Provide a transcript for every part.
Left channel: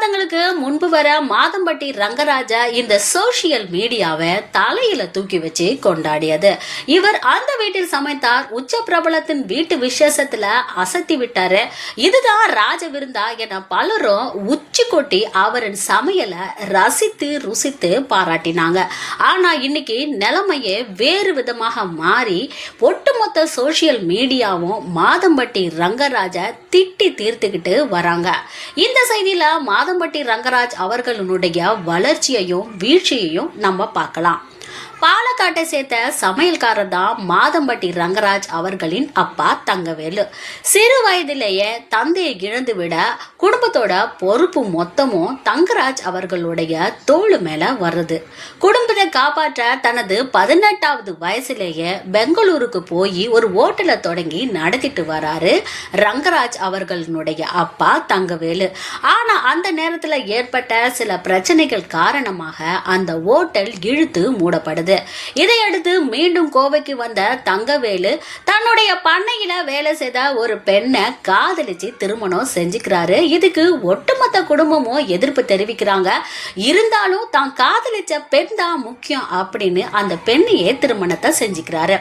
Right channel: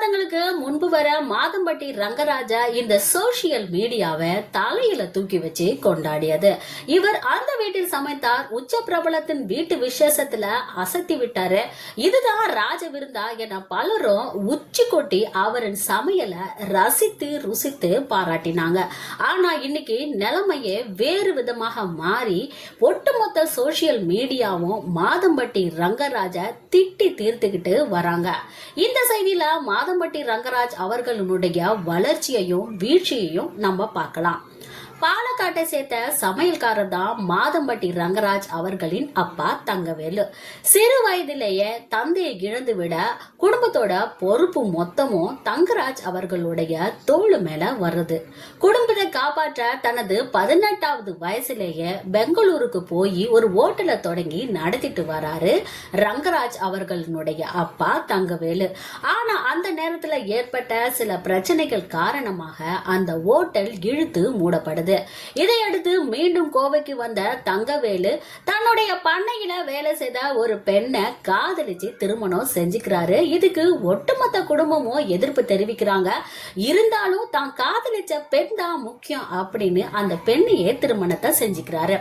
மாதங்களுக்கு முன்பு வர மாதம்பட்டி ரங்கராஜா இந்த சோசியல் மீடியாவை தலையில தூக்கி வச்சு கொண்டாடியது. இவர் அந்த வீட்டில் சமைத்தார். உச்ச பிரபலத்தின் வீட்டு விசேஷத்துல அசத்தி விட்டாரு. இதுதான் ராஜ விருந்தா என பலரும் உச்சி கொட்டி அவரின் சமையலை ரசித்து ருசித்து பாராட்டினாங்க. ஆனா இன்னைக்கு நிலைமையே வேறு விதமாக மாறி ஒட்டுமொத்த சோசியல் மீடியாவும் மாதம்பட்டி ரங்கராஜா திட்டி தீர்த்துக்கிட்டு வராங்க. இந்த செய்தியில மாதம்பட்டி ரங்கராஜ் அவர்களுடைய வளர்ச்சியையும் வீழ்ச்சியையும் நம்ம பார்க்கலாம். தாட்டை சேர்த்த சமையல்காரர் தான் மாதம்பட்டி ரங்கராஜ் அவர்களின் அப்பா தங்கவேலு. சிறு வயதிலேயே தந்தையை இழந்து விட குடும்பத்தோட பொறுப்பு மொத்தமும் தங்கராஜ் அவர்களுடைய தோளு மேல வருது. குடும்பத்தை காப்பாற்ற தனது பதினெட்டாவது வயசுலேயே பெங்களூருக்கு போய் ஒரு ஓட்டலை தொடங்கி நடத்திட்டு வராரு ரங்கராஜ் அவர்களுடைய அப்பா தங்கவேலு. ஆனா அந்த நேரத்துல ஏற்பட்ட சில பிரச்சனைகள் காரணமாக அந்த ஓட்டல் இழுத்து மூடப்படுது. இதையடுத்து மீண்டும் கோவைக்கு வந்த தங்கவேலு தன்னுடைய பண்ணையில வேலை செய்த ஒரு பெண்ணை காதலிச்சு திருமணம் செஞ்சுக்கிறாரு. இதுக்கு ஒட்டுமொத்த குடும்பமும் எதிர்ப்பு தெரிவிக்கிறாங்க. இருந்தாலும் தான் காதலிச்ச பெண் தான் முக்கியம் அப்படின்னு அந்த பெண்ணையே திருமணத்தை செஞ்சுக்கிறாரு.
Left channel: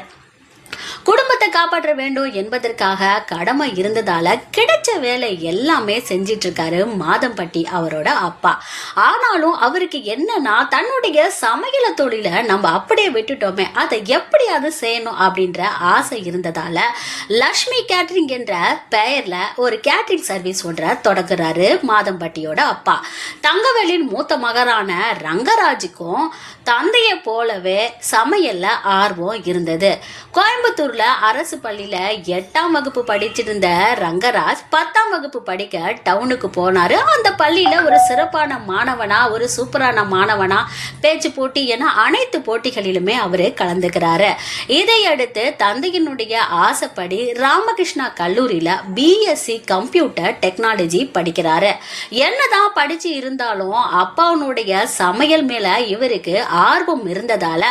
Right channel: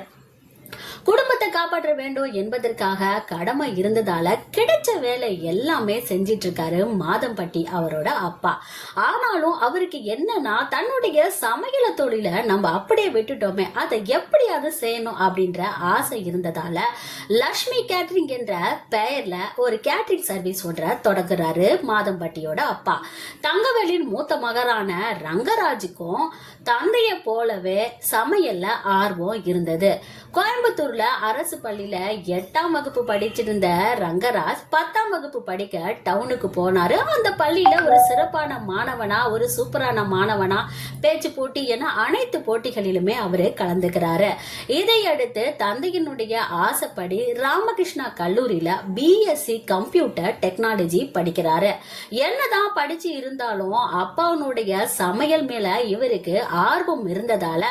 குடும்பத்தை காப்பாற்ற வேண்டும் என்பதற்காக கடமை இருந்ததால கிடைச்ச வேலை எல்லாமே செஞ்சிட்டு இருக்காரு மாதம்பட்டி அவரோட அப்பா. ஆனாலும் அவருக்கு என்னன்னா தன்னுடைய சமையல தொழிலை நம்ம அப்படியே விட்டுட்டோமே அதை எப்படியாவது செய்யணும் அப்படின்ற ஆசை இருந்ததால லக்ஷ்மி கேட்ரிங் என்ற பெயர்ல ஒரு கேட்ரிங் சர்வீஸ் ஒன்றை தொடங்குறாரு மாதம்பட்டியோட அப்பா. தங்கவேலின் மூத்த மகரான ரங்கராஜுக்கும் தந்தையை போலவே சமையல்ல ஆர்வம் இருந்தது. கோயம்புத்தூர்ல அரசு பள்ளியில எட்டாம் வகுப்பு படிச்சிருந்த ரங்கராஜ் பத்தாம் வகுப்பு படிக்க டவுனுக்கு போனாரு. அந்த பள்ளியில ஒரு சிறப்பான மாணவனா ஒரு சூப்பரான மாணவனா பேச்சு போட்டி என அனைத்து போட்டிகளிலுமே அவரு கலந்துக்கிறாரு. இதையடுத்து தந்தையினுடைய ஆசைப்படி ராமகிருஷ்ணா கல்லூரியில பிஎஸ்சி கம்ப்யூட்டர் டெக்னாலஜி படிக்கிறாரு. என்னதான் படிச்சு இருந்தாலும் அப்பாவுடைய சமையல் மேல இவருக்கு ஆர்வம் இருந்ததால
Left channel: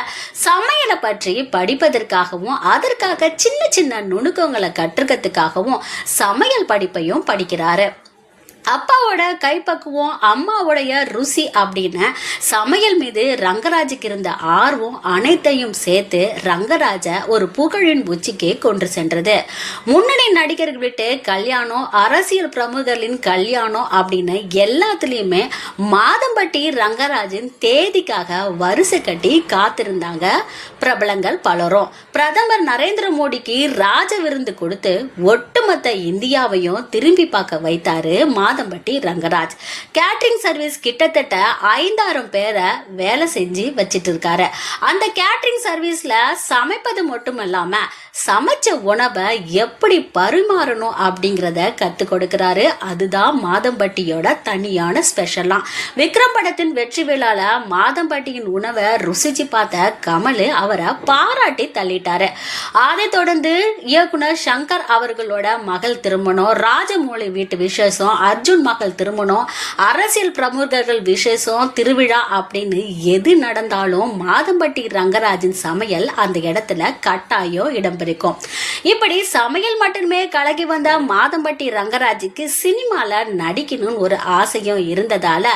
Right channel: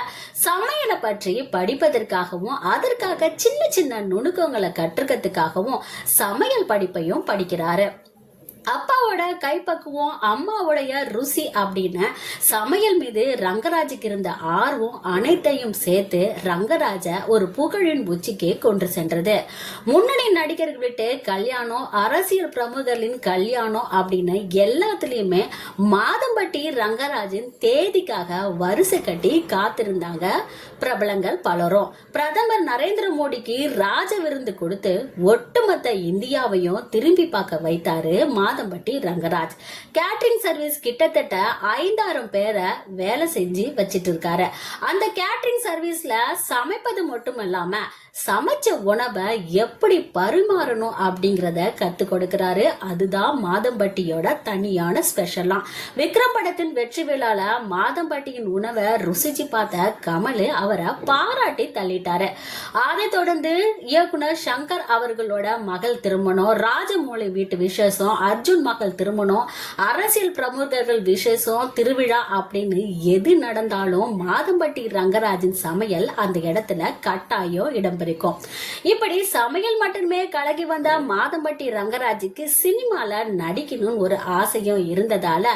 சமையலை பற்றி படிப்பதற்காகவும் அதற்காக சின்ன சின்ன நுணுக்கங்களை கற்றுக்கிறதுக்காகவும் சமையல் படிப்பையும் படிக்கிறாரு. அப்பாவோட கைப்பக்குவம் அம்மாவுடைய ருசி அப்படின்னு சமையல் மீது ரங்கராஜுக்கு இருந்த ஆர்வம் அனைத்தையும் சேர்த்து ரங்கராஜ ஒரு புகழின் உச்சிக்கு கொண்டு சென்றது. முன்னணி நடிகர்கள் விட்டு கல்யாணம் அரசியல் பிரமுகர்களின் கல்யாணம் அப்படின்னு எல்லாத்துலேயுமே மாதம்பட்டி ரங்கராஜின் தேதிக்காக வரிசை கட்டி காத்திருந்தாங்க பிரபலங்கள் பலரும். பிரதமர் நரேந்திர மோடிக்கு ராஜ விருந்து கொடுத்து ஒட்டுமொத்த இந்தியாவையும் திரும்பி பார்க்க வைத்தாரு மாதம்பட்டி ரங்கராஜ். கேட்டரிங் சர்வீஸ் கிட்டத்தட்ட ஐந்தாயிரம் பேரை வேலை செஞ்சு வச்சிட்டு இருக்காரு அந்த கேட்ரிங் சர்வீஸ்ல சமைப்பது மட்டும் இல்லாம சமைச்ச உணவை எப்படி பரிமாறணும் அப்படிங்கிறத கற்றுக் கொடுக்கிறாரு. அதுதான் மாதம்பட்டியோட தனியான ஸ்பெஷலாம் விக்ரம் படத்தின் வெற்றி விழால மாதம்பட்டியின் உணவை ருசிச்சு பார்த்த கமல் அவரை பாராட்டி தள்ளிட்டாரு. அதை தொடர்ந்து இயக்குனர் சங்கர் அவர்களோட மகள் திருமணம் ராஜமௌழி வீட்டு விசேஷம் அர்ஜுன் மகள் திருமணம் அரசியல் பிரமுகர்கள் விசேஷம் திருவிழா அப்படின்னு எது நடந்தாலும் மாதம்பட்டி ரங்கராஜின் சமையல் அந்த இடத்துல கட்டாயம் இடம்பெறும் இப்படி சமையல் மட்டுமே கலகி வந்த மாதம்பட்டி ரங்கராஜுக்கு சினிமால நடிக்கணும்னு ஒரு ஆசையும் இருந்ததால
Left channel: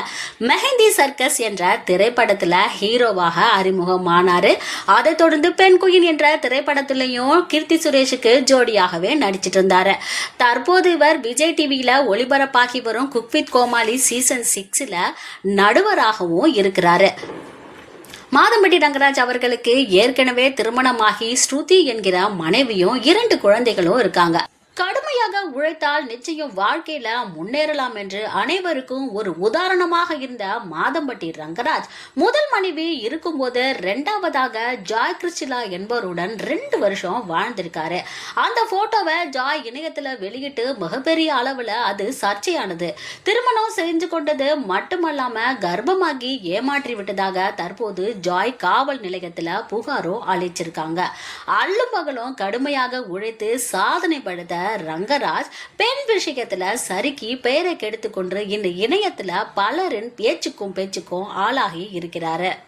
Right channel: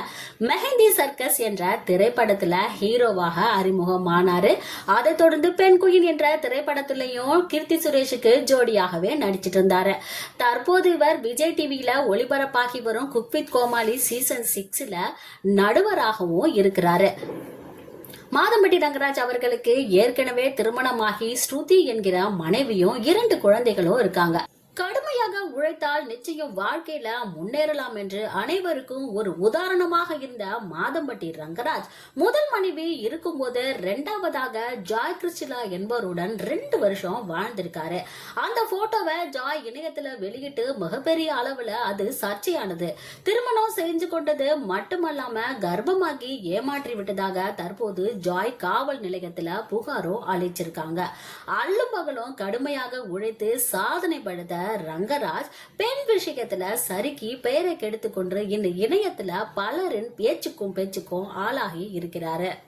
மெஹந்தி சர்க்கஸ் என்ற திரைப்படத்துல ஹீரோவாக அறிமுகமானாரு. அதை தொடர்ந்து பெண் குயின் என்ற திரைப்படத்திலையும் கீர்த்தி சுரேஷுக்கு ஜோடியாகவே நடிச்சிட்டு இருந்தாரு. தற்போது இவர் விஜய் டிவியில ஒளிபரப்பாகி வரும் குக் வித் கோமாளி சீசன் சிக்ஸ்ல நடுவராகவும் இருக்கிறாரு. மாதம்பட்டி ரங்கராஜ் அவர்களுக்கு ஏற்கனவே திருமணமாகி ஸ்ருதி என்கிற மனைவியும் இரண்டு குழந்தைகளும் இருக்காங்க. உழைத்தால் நிச்சயம் வாழ்க்கையில முன்னேறலாம் என்று அனைவருக்கும் ஒரு உதாரணமாக இருந்த மாதம்பட்டி ரங்கராஜ். முதல் மனைவி இருக்கும்போது ரெண்டாவதாக ஜாய் கிறிஸ்டிலா என்பவருடன் ரெண்டு வருஷம் வாழ்ந்திருக்காரு. அந்த போட்டோவை ஜாய் இணையத்துல வெளியிட்டு மிகப்பெரிய அளவுல அது சர்ச்சையானது. திருமணம் செஞ்சு கொண்டது மட்டுமல்லாம கர்ப்பமாகி ஏமாற்றி விட்டதாக தற்போது ஜாய் காவல் நிலையத்துல புகாரும் அளிச்சிருக்காங்க. அல்லும் பகலும் கடுமையாக உழைத்து சாதனை படுத்த ரங்கராஜ் ரங்கராஜ் பெண் விஷயத்துல சறுக்கி பெயரை கெடுத்துக்கொண்டு இந்த இணையத்துல பலரின் பேச்சுக்கும் பேச்சுக்கும் ஆளாகி இருக்கிறாரு.